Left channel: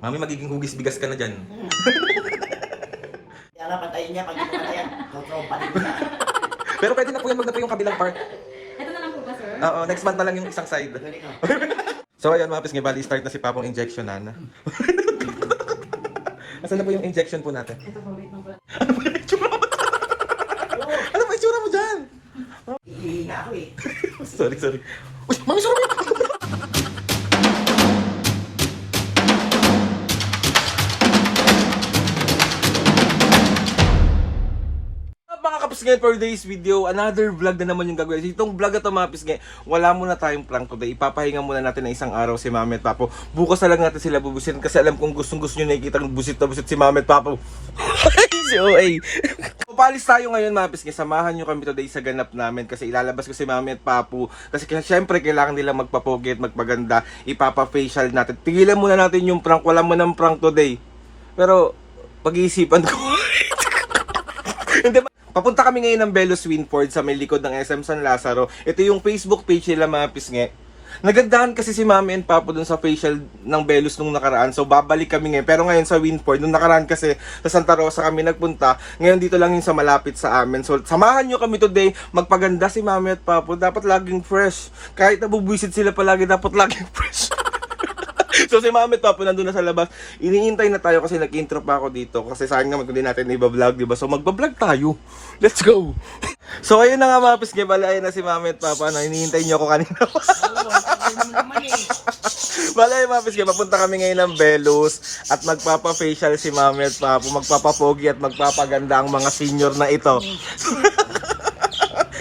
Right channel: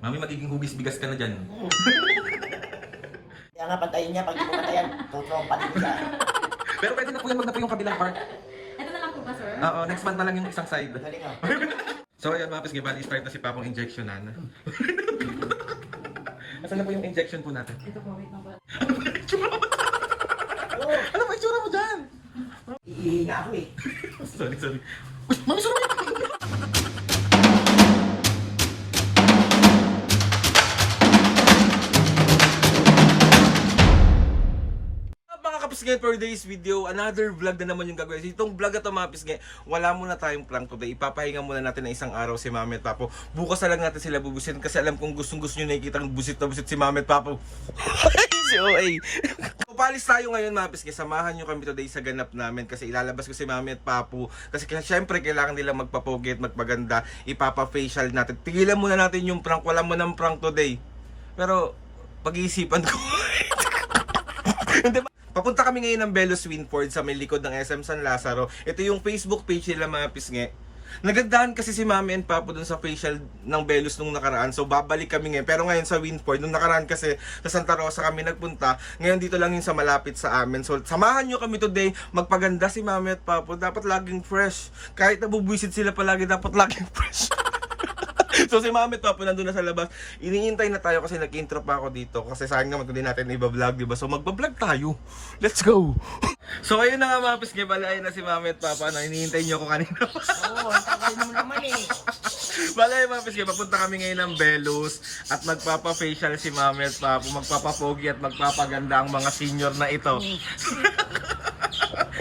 Mami, magiging hugis bigas ka na dyan. Kaya nga pantayin niya, pag hindi ko pantayan, pa din niya. Pero pwede na po yan, wag na po yung kabilang part. Ito na lang po ba, sir? Oo, next month na lang yung isang side. Galing ah. So ayun mga pisngi, bali start na si Papong injectionan. Asan na po yung injection po natin? Ito po, wait lang po. Ano ba yung itsura mo? Ano ba yung itsura mo dyan? Ihihina ako eh. Sorry. Uy, mami, sorry! Mga kapisngay, for today's video, another vlog na naman yung gagawin. Itong vlog na ito mga kapisngay, wala muna tayong prank today. Ipapahinga muna natin na isang araw si Mami at Papo. Bukas na lang natin sila bubusin kasi alam kong gustong gusto nyo nakikita ng busit na busit si Mami at Papo. So, ay. Papalis tayo ngayon mga kapisngay. Samahan nyo kami today sa ganap namin kasi ilalabas ko si Mami at Papo. Kasi syempre kailangan nilang magpapogi at magpaganda. Ipapa-facial natin. Tigilan muna natin yung prank. Wala mo ng prank today. Pero, pag-iisipan ko. Hindi ba? Papunta kami ngayon ng Belos Winford sa may likod ng SM San Lazaro. Ito yung Facebook page nila mga pisngi. Nagandahan kasi si Mami and Papo dun sa facial ng Belos nung nakaraan. So babalik kami ngayon. Pero ngayon sa Winford, nung nakaraan kasi sa Santa Rosa kami nagpunta. Ngayon dito lang yun sa malapit sa amin. So samahan nyo kami today. Magpaganda si Mami at Papo. Dapat laging fresh. Kahit nabubwisit sila palagi, dapat laging fresh. So si Mami at Papo nandun na sa labas. Iniintay na tayo kasi nag-intro pa ako dito. Kasi sayang naman kung di natin i-vlog, diba? So magbablog tayo. Let's go! So ayun na nga mga pisngi, balay na si Mami at Papa na iniintay nyo ako kanina. Oo, tagal mo naman eh. Balay mga pisngi, papunta kami ngayon ng Belos at magpapa-facial si Mami at Papa. Magpapapogi at magpapaganda ang mga senior na ito.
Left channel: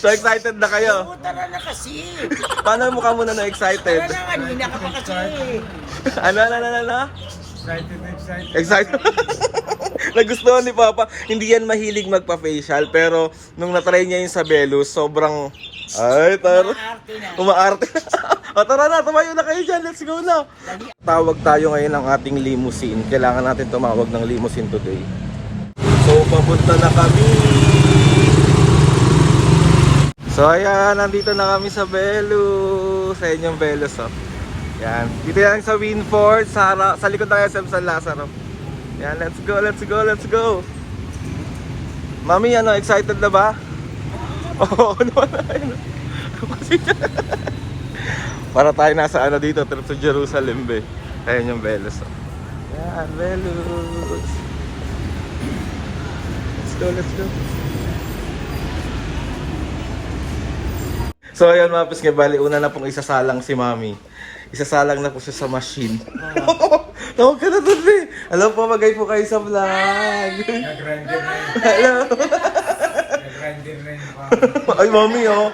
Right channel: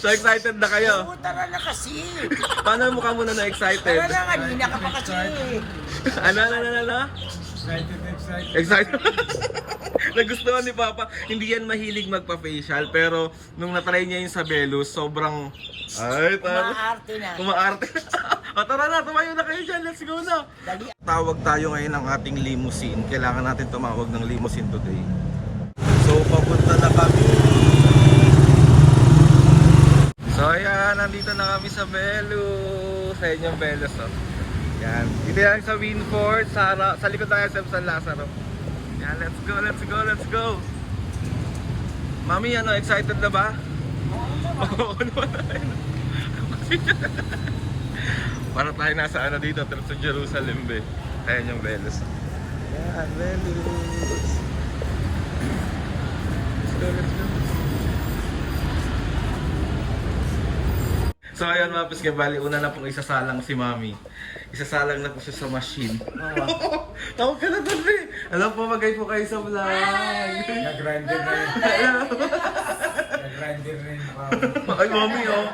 So excited na kayo? Oo, tara na kasi. Paano mukha mo na na-excited? Tara na, kanina ka pa kasi. Ano? Excited. Nagustuhan ni Papa. Hindi yan mahilig magpa-facial. Pero nung natry niya yung sa Belos, sobrang... Ay, tara. Maarte na. Umaarte. O tara na, tumayo na kayo dyan. Let's go na. Dali. Tawag tayo ngayon ng ating limousine. Kailangan natin tumawag ng limousine today. So, papunta na kami. So, ayan. Nandito na kami sa Belos. Sa inyong Belos, oh. Yan. Dito yan sa Winford. Sa likod ng SM San Lazaro. Yan, let's go. Mami, ano, excited na ba? Oo, naman na. Para tayo nasa ano dito, trip sa Jerusalem, be. Ayan yung Belos. Ayan, Belos. Let's go. So ayan mga pisngi, bali una na pong isasalang si Mami. Isasalang na po siya sa machine. Tawag ka na dun, be. Alam po, magay po kayo sa vlog. Nag-grinder na yun. Hello. Nag-grinder na yun. Ay, Mami, oh.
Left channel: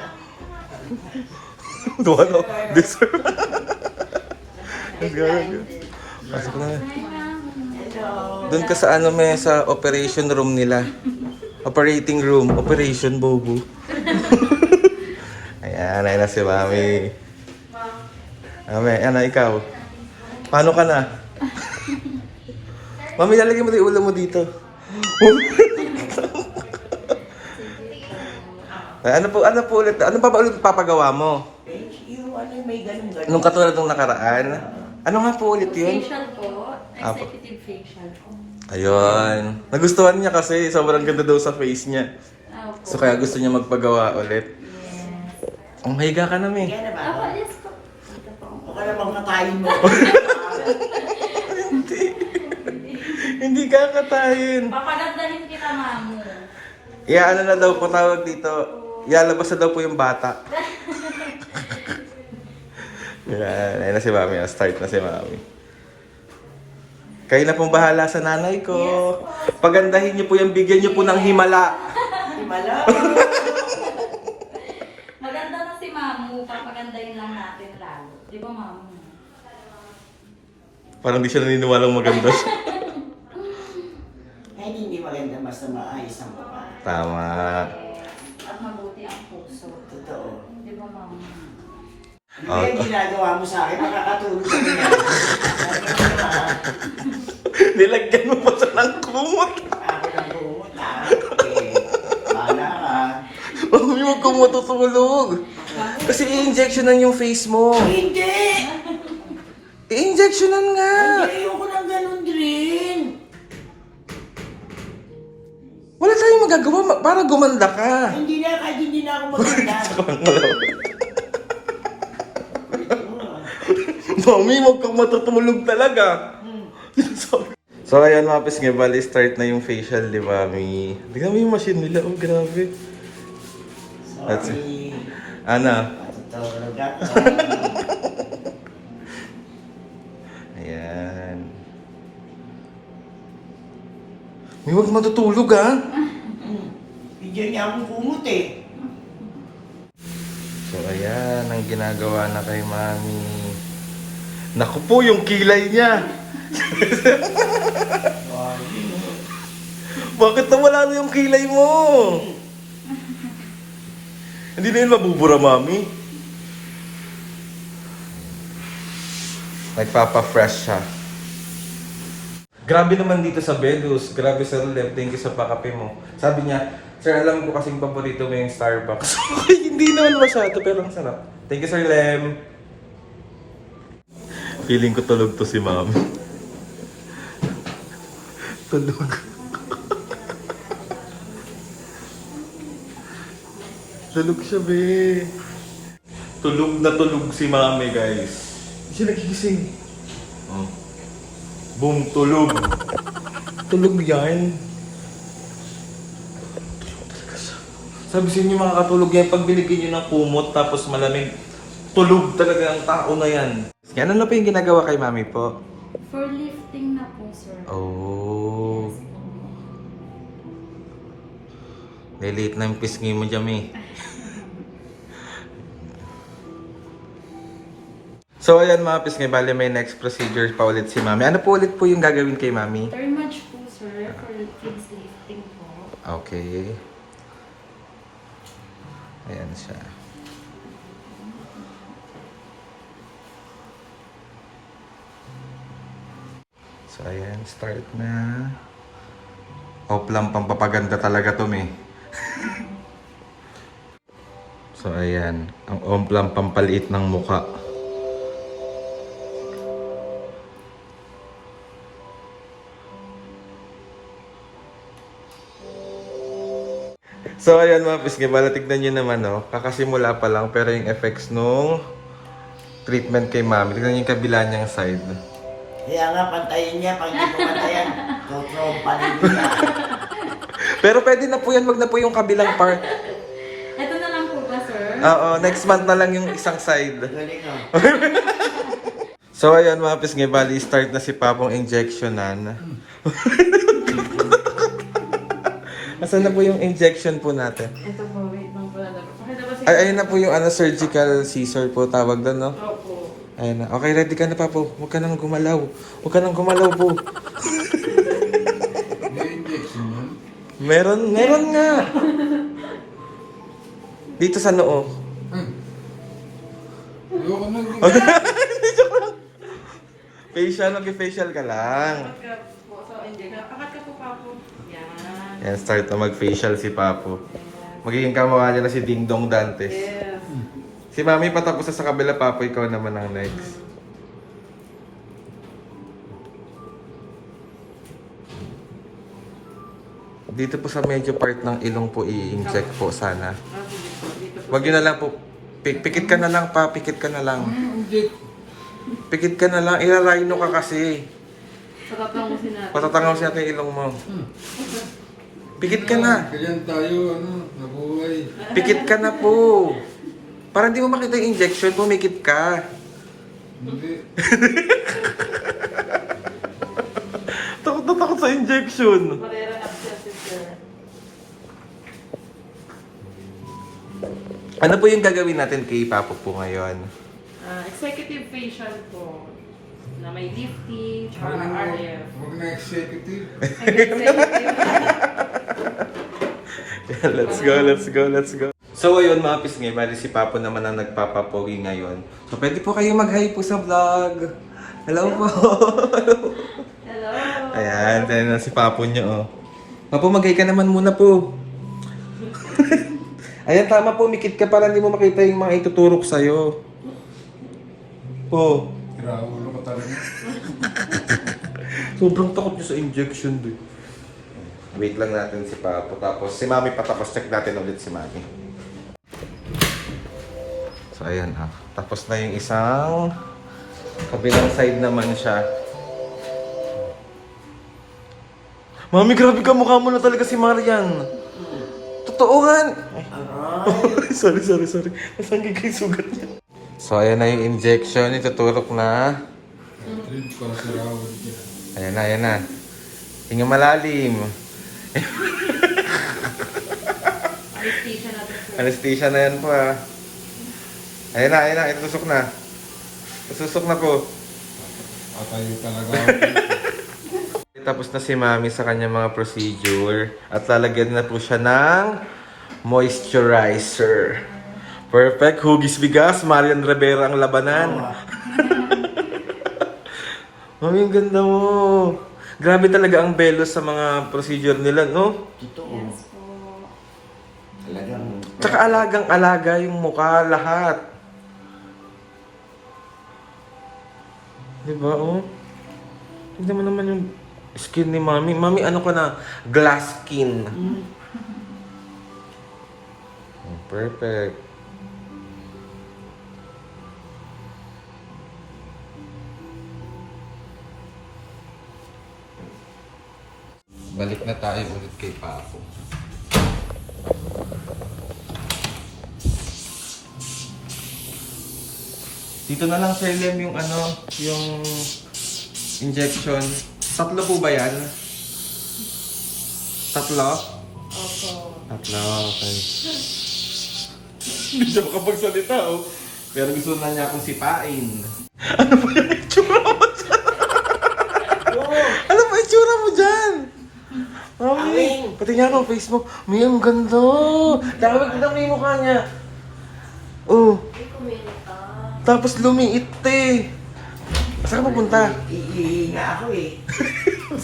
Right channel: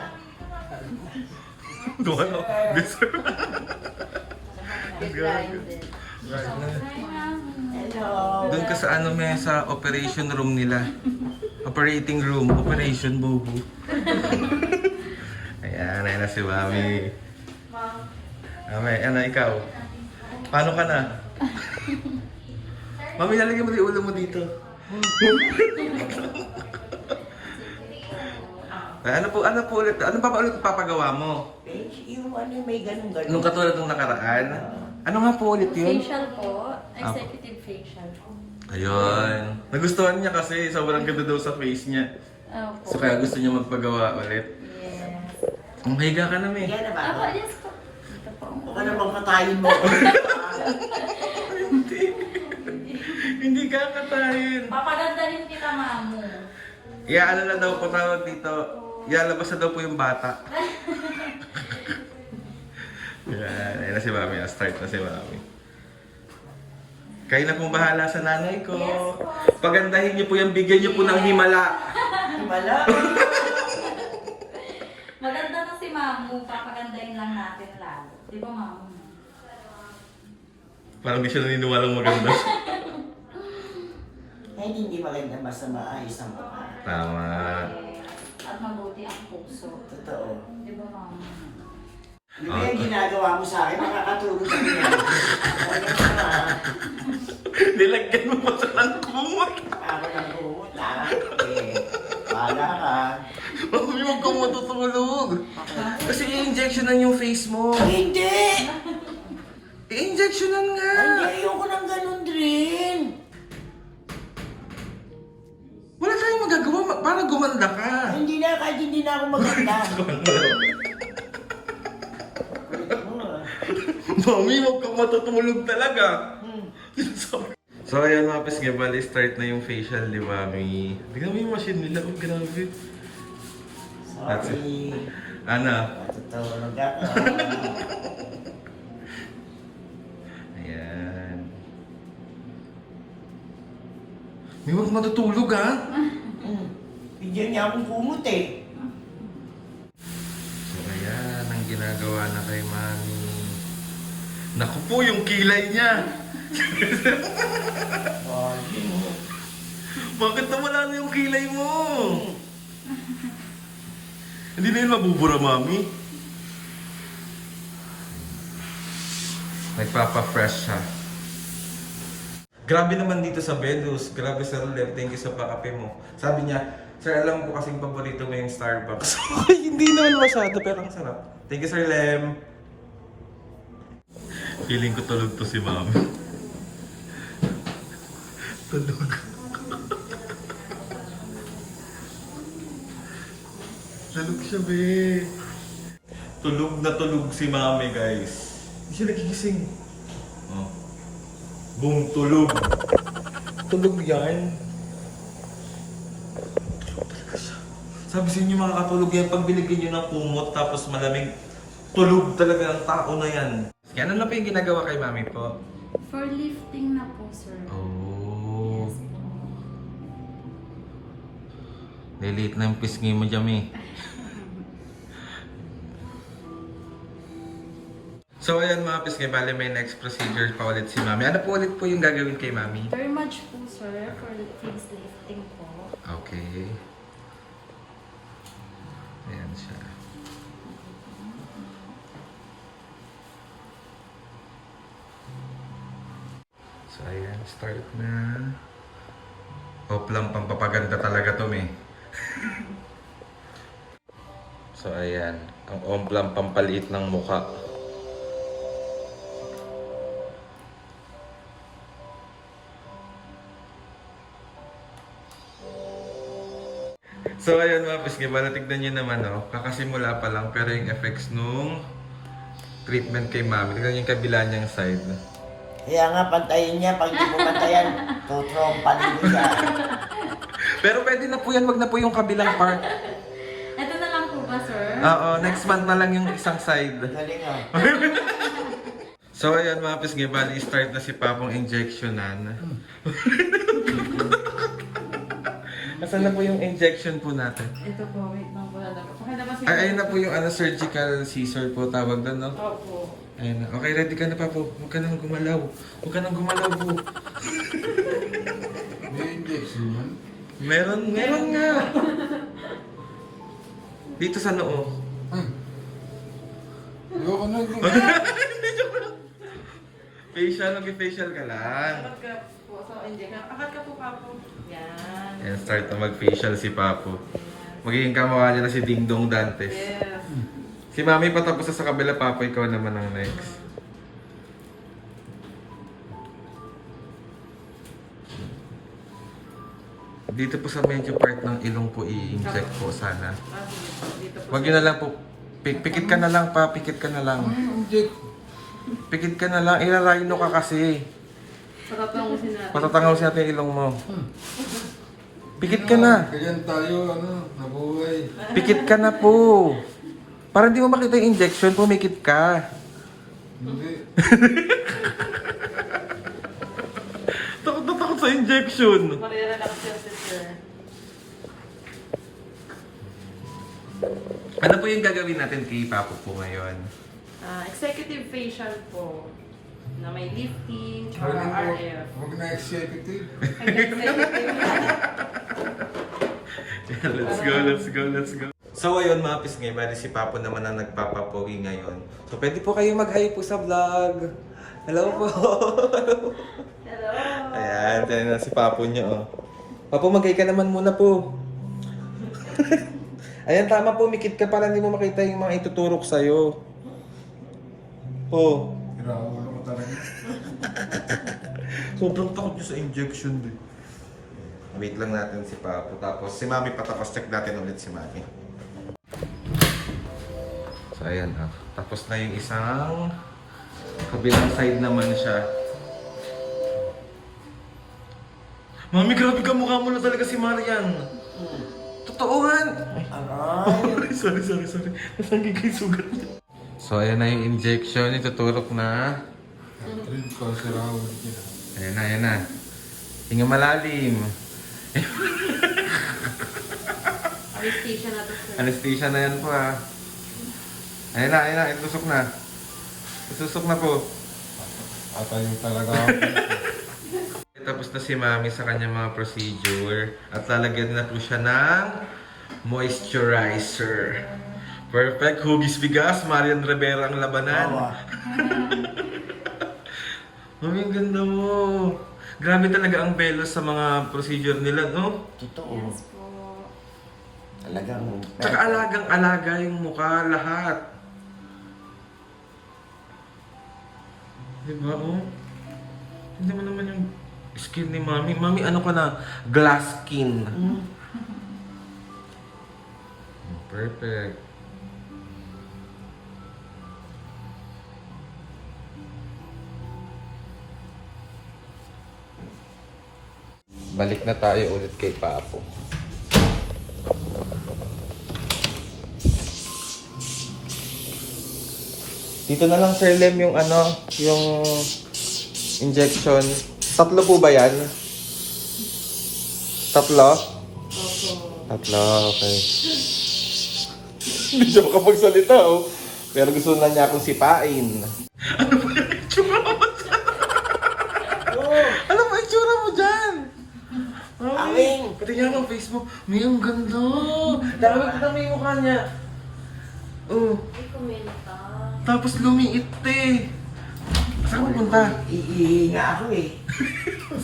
Duwalo. Deserve. Let's go. Pasok na. Doon ka sa ano, may sa operation room nila. Operating room. Operation Bobo. Ayan, ayun na si Mami. Mami, ano ikaw? Paano ka na? Mami, lalagyan mo yung ulo mo dito. Ay, ano po ulit? Ano pa ba ulit papagawa mo? Yung ano, may ganun-ganun. Nung katulad nung nakaraan? Ano nga po ulit yun? Facial po. Executive facial po. Ayun. Nagustuhan niya kasi sobrang ganda daw sa face niya. Opo. So kaya gusto niya magpagawa ulit. Yes. Ang higa ka na, me. Kaya na ba ako? Yes po. Dito po. Baka namang kakain mo. Hindi. Hindi kakatayin. Papagandahin kita, mamu. Ano na daw po tawag dito? Ialabas na daw po yung bata. Yan. Ayun na si Mami. Start na si Mami. Kayo na pong bahala sa nanay ko. Pagandahin niyo po yung bigyan niyo po ng himala. Himala. Maganda na si mamu. Papagandahin lang natin lalo. Di ba, mamu? Parang di siya naniniwalang maganda siya. Ay, hindi maganda basta maayos ang mukha. Tama. At mabuti ang puso. Totoo. Di ba, mamu? Hindi yung ginagawa mo sa akin, makakatulog sa kanya. Nilagyan mo pa sa ng kumot. Ako ng buhot, bahala ka. Mami, huwag ka matutulog. Kasi i-injectionan yung face mo. Hindi! I-injectionan nga. Hindi, ayoko ng ganun Para gumanda ka. Hindi na, kahit hindi na ako maganda. Mami, huwag kang matutulog talaga. So ayan mga pisngi, bali start na yung facial, di ba, Mami? Tignan mo yung machine nila, oh grabe. That's it. Sorry. Ana? Matutulog ako. Ayan. May huwag matutulog ah. Bigyan niya akong kumot eh. So ayan, ang ginagawa na kay Mami. Naku po, yung kilay niya. Bakit nawala na yung kilay mo? Hindi na yun mabubura, Mami. Nagpapa-fresh siya. Grabe naman dito sa Belus. Grabe, Sir Lem. Thank you sa pakape mo. Sabi niya, Sir, alam ko kasing paborito mo yung Starbucks. Hindi naman masyado, pero ang sarap. Thank you, Sir Lem. Feeling ko tulog to si Mami. Tulog. Tulog siya, be. Tulog na tulog si Mami, guys. Hindi siya nagigising. Oh. Boom, tulog. Tulog yan. Tulog talaga siya. Sabi sa inyo, makakatulog yan pag binigyan nyo ng kumot tapos malamig. Tulog talaga ang tao na yan. Ano na po yung ginagawa kay Mami po? For lifting na po, sir. Oh. Delete na yung pisngi mo, Jami. So ayan mga pisngi, bali may next procedure pa ulit si Mami. Ano po ulit po yung gagawin kay Mami? Thermage po, sir, for face lifting po. Okay. Ayan siya. So ayan, start na. Hope lang pampapaganda talaga to, me. So ayan, ang hope lang pampaliit ng mukha. So ayan mga pisngi, bala tignan nyo naman, no? Kakasimula pa lang, pero yung effects nung treatment kay Mami, tignan nyo yung kabila niyang side. Kaya nga, pantayin niya. Pag hindi mo pantayan, tutrompa niya. Pero pwede na po yan, wag na po yung kabilang part. Ito na lang po ba, sir? Oo, next month na lang yung isang side. Galing ah. So ayan mga pisngi, bali start na si Papong injectionan. Asan na po yung injection po natin? Ito po, wait lang po talaga. Pakita ba, sir? Ay, ayun na po yung surgical scissor po tawag doon, no? Opo. Ayun na. Okay, ready ka na, Papo. Huwag ka nang gumalaw. Huwag ka nang gumalaw po. May injection yun? Meron nga. Dito sa noo. Ayoko na. Joke lang. Facial, mag-facial ka lang. Akat ka po sa injection. Akat ka po, Papo. Yan. Yan, start na mag-facial si Papo. Magiging kamukha niya na si Ding Dong Dantes. Yes. Si Mami patapos na sa kabila, Papo. Ikaw naman ang next. Dito po sa medyo part ng ilong po i-inject po sana. Dito po. Wag yun na lang po. Pikit ka na lang pa, pikit ka na lang. Inject. Pikit ka na lang, irarayno ka kasi. Patatangusin natin. Patatangaw natin yung ilong mo. Pikit ka na. Ganyan tayo, nabuhay. Pikit ka na po. Para hindi mo makita yung injection, pumikit ka. Hindi. Takot na takot sa injection. Marira abscesses, sir. Ano po yung gagawin natin kay Papo po ngayon? Executive facial po. Na may lifting, tsaka Huwag na- RF. Huwag na executive. Let's go, let's go, let's go. So ayun mga pisngay, bali si Papo naman ang nagpapapogi ngayon. So pwede po kayo mag-hi po sa vlog. Hello po. Hello. Ayan, tayo na si Papo niyo, oh. Papo, mag-hi ka naman muna po. Ayan, tama po, mikit ka para hindi mo makita yung mga ituturok sa'yo. Po. Grabe ko talaga. Sobrang takot niya sa injection, doy. Wait lang natin si Papo. Tapos si Mami patapos check natin ulit si Mami. So ayan ah. Tapos na yung isang kabilang side naman siya. Mami, grabe ka, mukha mo na talaga si Marian. Totoo nga. Aray. sorry. Nasaan kay sugat niya? So ayan na yung injection. Ituturok na. Rin pa sa rawad niya. Ayan na. Hinga malalim. Anesthesia na to, sir. Anesthesia na yan po ah. Ayan na. Itusok na. Isusok na po. Atayo talaga ako. Tapos na si Mami sa kanyang mga procedure. At lalagyan na po siya ng moisturizer. Perfect. Hugis bigas. Marian Rivera ang labanan. Mami, ang ganda mo. Grabe talaga ang belos sa mga procedure nila, no? Totoo. Yes po. Talagang... Tsaka alagang-alaga yung mukha, lahat. Diba, oh? Tignan mo naman yung skin ni Mami. Mami, ano ko na? Glass skin. Perfect. Balik na tayo ulit kay Papo. Dito na lang Sir Lem yung yung injection. Tatlo po ba yan? Tatlo? Tatlo, okay. Hindi siya makapagsalita, oh. Pero gusto lang niya akong sipain. Ano ba yung itsura mo dyan? Ano ba itsura mo dyan? Mami, pati nga ako Facebook. May ang ganda. Dami ko na yung mukha niya. Oh. Tapos lumiit eh. Saan ka pupunta? Iihinga ako eh.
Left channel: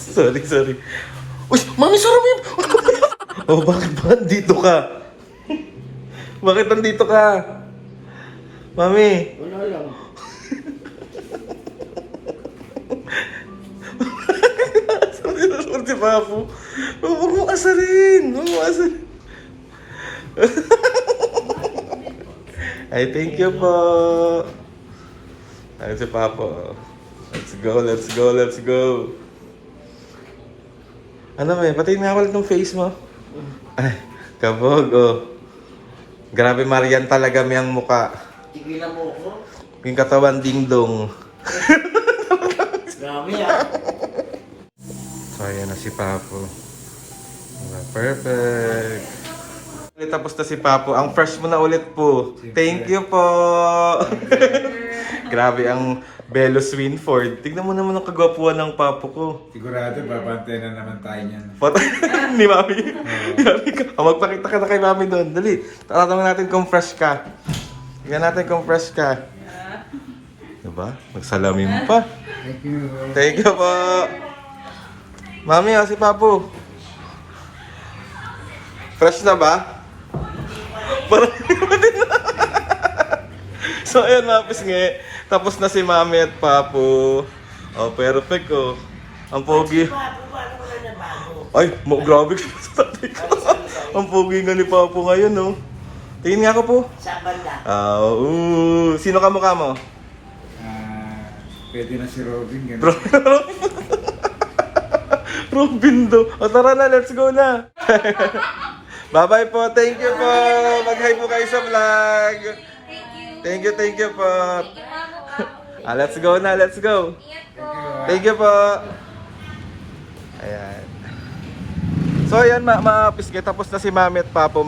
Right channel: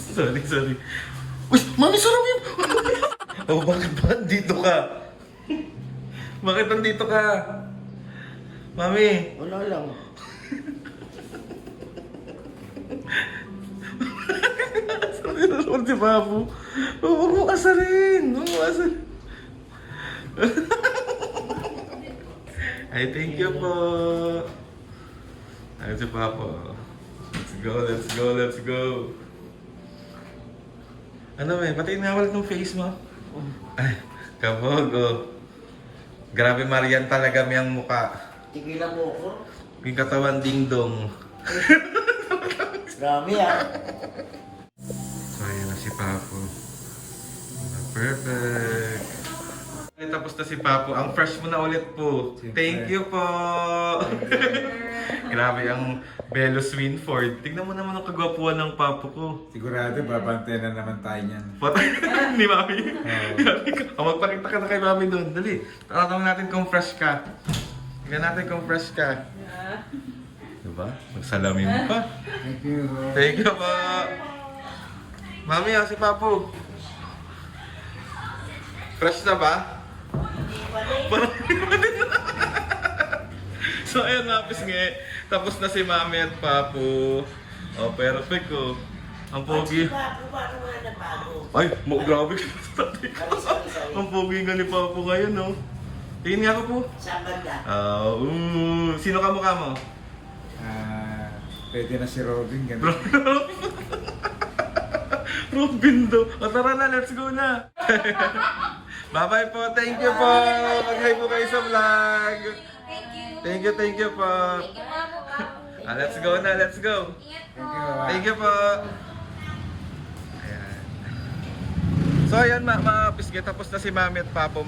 sorry. Uy, Mami, sarap yun! Oh, bakit ba nandito ka? Bakit nandito ka? Mami! Wala lang. Sorry si Papo. Huwag mo asarin. Ay, thank you po. Ayun si Papo. Let's go. Ano may, pati nawal ng face mo. Ay, kabog, oh. Grabe Marian talaga miyang muka. Tigilan mo ako. Yung katawan ding-dong. Grabe ah. So, ayan na si Papo. Perfect. Tapos na si Papo. Ang fresh mo na ulit po. Thank you po. Grabe ang Belos Winford. Tignan mo naman ang kagwapuan ng Papo ko. Sigurado, babantayan na naman tayo niyan. Ni Mami. Grabe ka. Magpakita ka na kay Mami doon. Dali. Tatanungin natin kung fresh ka. Tignan natin kung fresh ka. Diba? Magsalamin pa. Thank you. Thank you po. Mami, si Papo. Fresh na ba? Parang So ayan mga pisngi, tapos na si Mami at Papo. Oh, perfect oh. Ang pogi. Ay, grabe ka sa tatay ko. Ang pogi nga ni Papo ngayon oh. Tingin nga ako po. Saan banda? Sino ka mukha mo? Pwede na si Robin. Ganun. Robin do. O tara na, let's go na. Bye-bye po. Thank you po. Mag-hi po kayo sa vlog. Thank you po. Let's go na, let's go. Thank you po. Ayan. So ayan mga piske, tapos na si Mami at Papo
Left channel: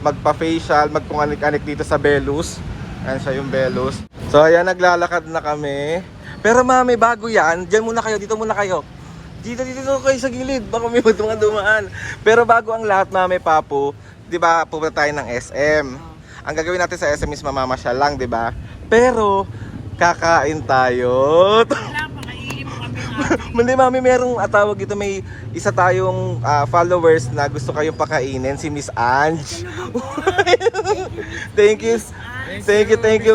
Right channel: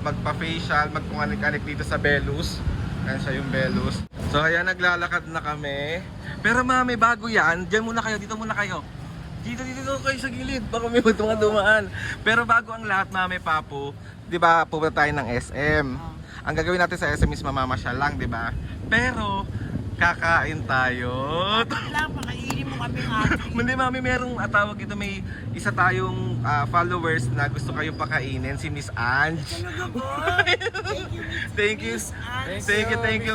magpa-facial, magpunganik-anik dito sa Belos. Ayan siya yung Belos. So ayan, naglalakad na kami. Pero Mami, bago yan, dyan muna kayo, dito muna kayo. Dito kayo sa gilid, baka may dumaan. Pero bago ang lahat, Mami, Papo, di ba, pupunta tayo ng SM. Ang gagawin natin sa SM is mamamasyal lang, di ba? Pero, kakain tayo. Mali, Mami, merong tawag dito, may isa tayong followers na gusto kayong pakainin, si Miss Ange. Thank you,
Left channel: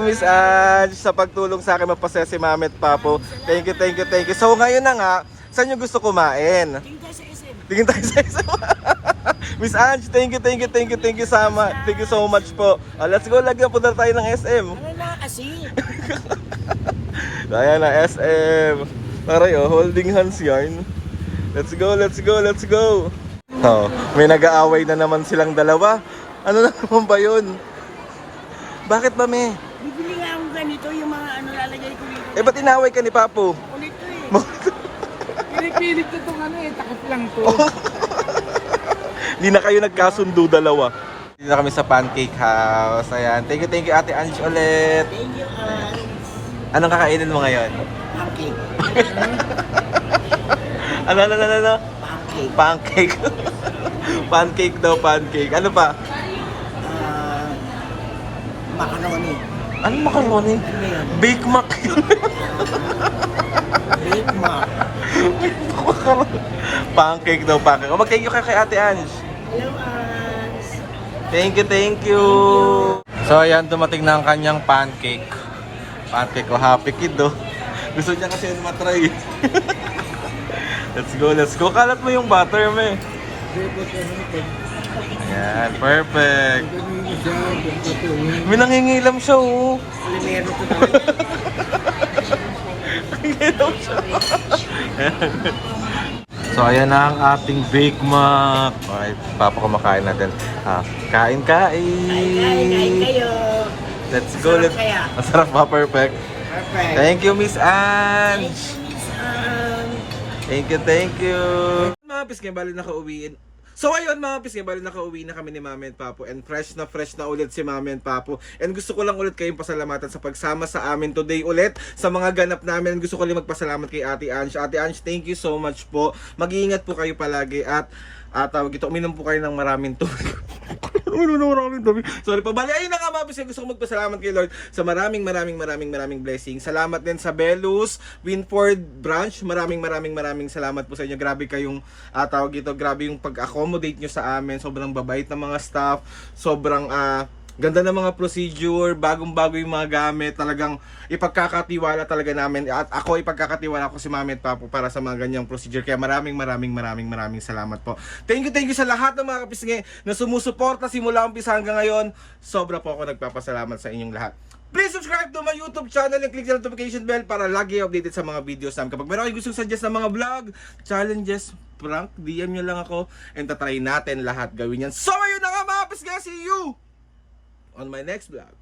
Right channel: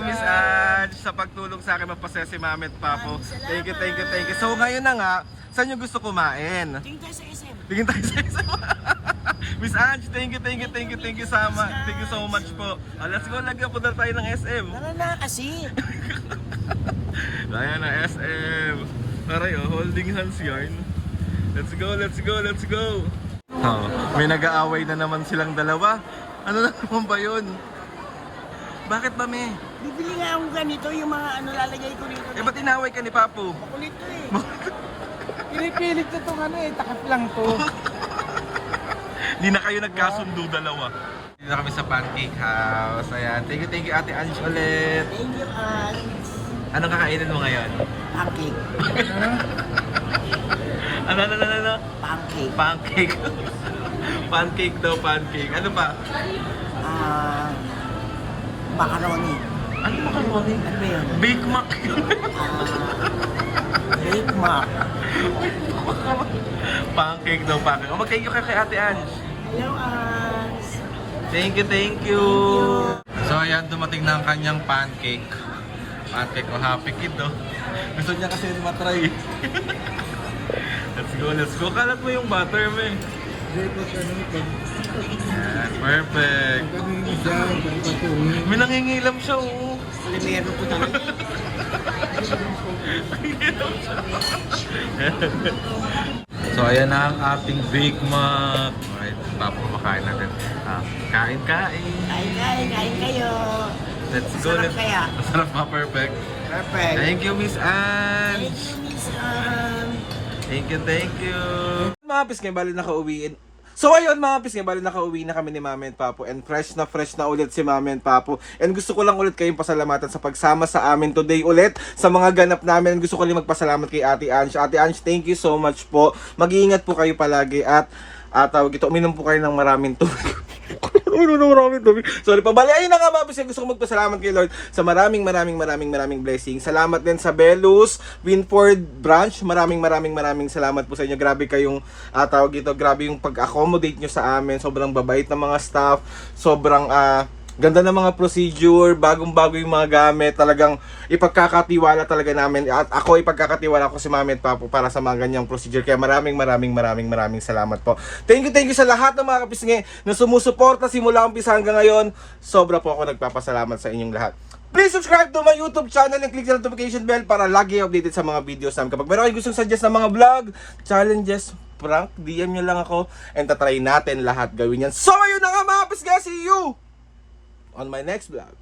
Miss Ange, sa pagtulong sa akin magpasaya si Mami at Papo. Thank you. So ngayon na nga, Saan nyo gusto kumain? Tingin tayo sa SM. Tingin tayo sa isa. Miss Ange, thank you so much po. Let's go, lagyan po na tayo ng SM. Tara na kasi. Ayan na, SM. Taray oh, holding hands yarn. Let's go. Oh, may nag-aaway na naman silang dalawa. Ano na naman ba yun? Bakit ba, me? Bibili nga akong ganito, yung mga ano lalagay ko dito. Eh, ba't inaway ka ni Papo? Kulit to eh. Kinikilig ko itong ano eh, takot lang to. Hindi na kayo nagkasundo dalawa. Dito na kami sa Pancake House. Ayan. Thank you Ate Ange ulit. Thank you, Anong kakainin mo ngayon? pancake. Ano? Pancake. Pancake. Pancake daw, pancake. Ano pa? Macaroni. Ano macaroni? Ano ba yun? Bake Mac yun. Bake Mac. Pancake daw, pancake. O, mag-thank you ka kay Ate Ange. Hello, Ans. Thank you. So, ayan, dumating na ang kanyang pancake. Pancake ko, happy kid, oh. Gusto niya kasi yun matry. Let's go. Kalat mo yung butter, me. Ayan, perfect. May nangingilam siya, oh. Alimero to talaga. Nangingilam siya. So, ayan na ang ating Bake Mac. Okay, papakumakain natin. Kain. Kain kayo. Let's go. Masarap kaya? Masarap ba? Perfect. Perfect. Thank you, Miss Ange. Thank you, Miss Ann. Thank you. Mga pisngay, bali nakauwiin. So ayun mga pisngay, bali nakauwi na kami ni Mami and Papo. And fresh na ulit si Mami and Papo. And gusto ko lang ulit kayong pasalamatan sa pagsama sa amin today ulit. Sa mga ganap namin. And gusto ko lang magpasalamat kay Ate Ange. Ate Ange, thank you so much po. Mag-iingat po kayo palagi. At tawag ito, uminom po kayo ng maraming tubig. Sorry pa. Bali, ayun na nga mga pisngay. Gusto ko magpasalamat kay Lord sa maraming blessings. Salamat din sa Belus, Winford Branch. Maraming salamat po sa inyo. Grabe kayong tawag ito, grabe yung pag-accommodate nyo sa amin. Sobrang babait ng mga staff. Sobrang ganda ng mga procedure, bagong-bago yung mga gamit. Talagang ipagkakatiwala talaga namin. At ako ipagkakatiwala ko si Mami at Papo para sa mga ganyang procedure. Kaya maraming salamat po. Thank you sa lahat ng mga kapisngay na sumusuporta simula umpisa hanggang ngayon. Sobra po ako nagpapasalamat sa inyong lahat. Please subscribe to my YouTube channel and click the notification bell para lagi updated sa mga videos namin. Kapag meron kayo gustong suggest ng mga vlog, challenges, prank, DM nyo lang ako and tatry natin lahat gawin yan. So ayun na nga mga kapisngay, see you on my next vlog.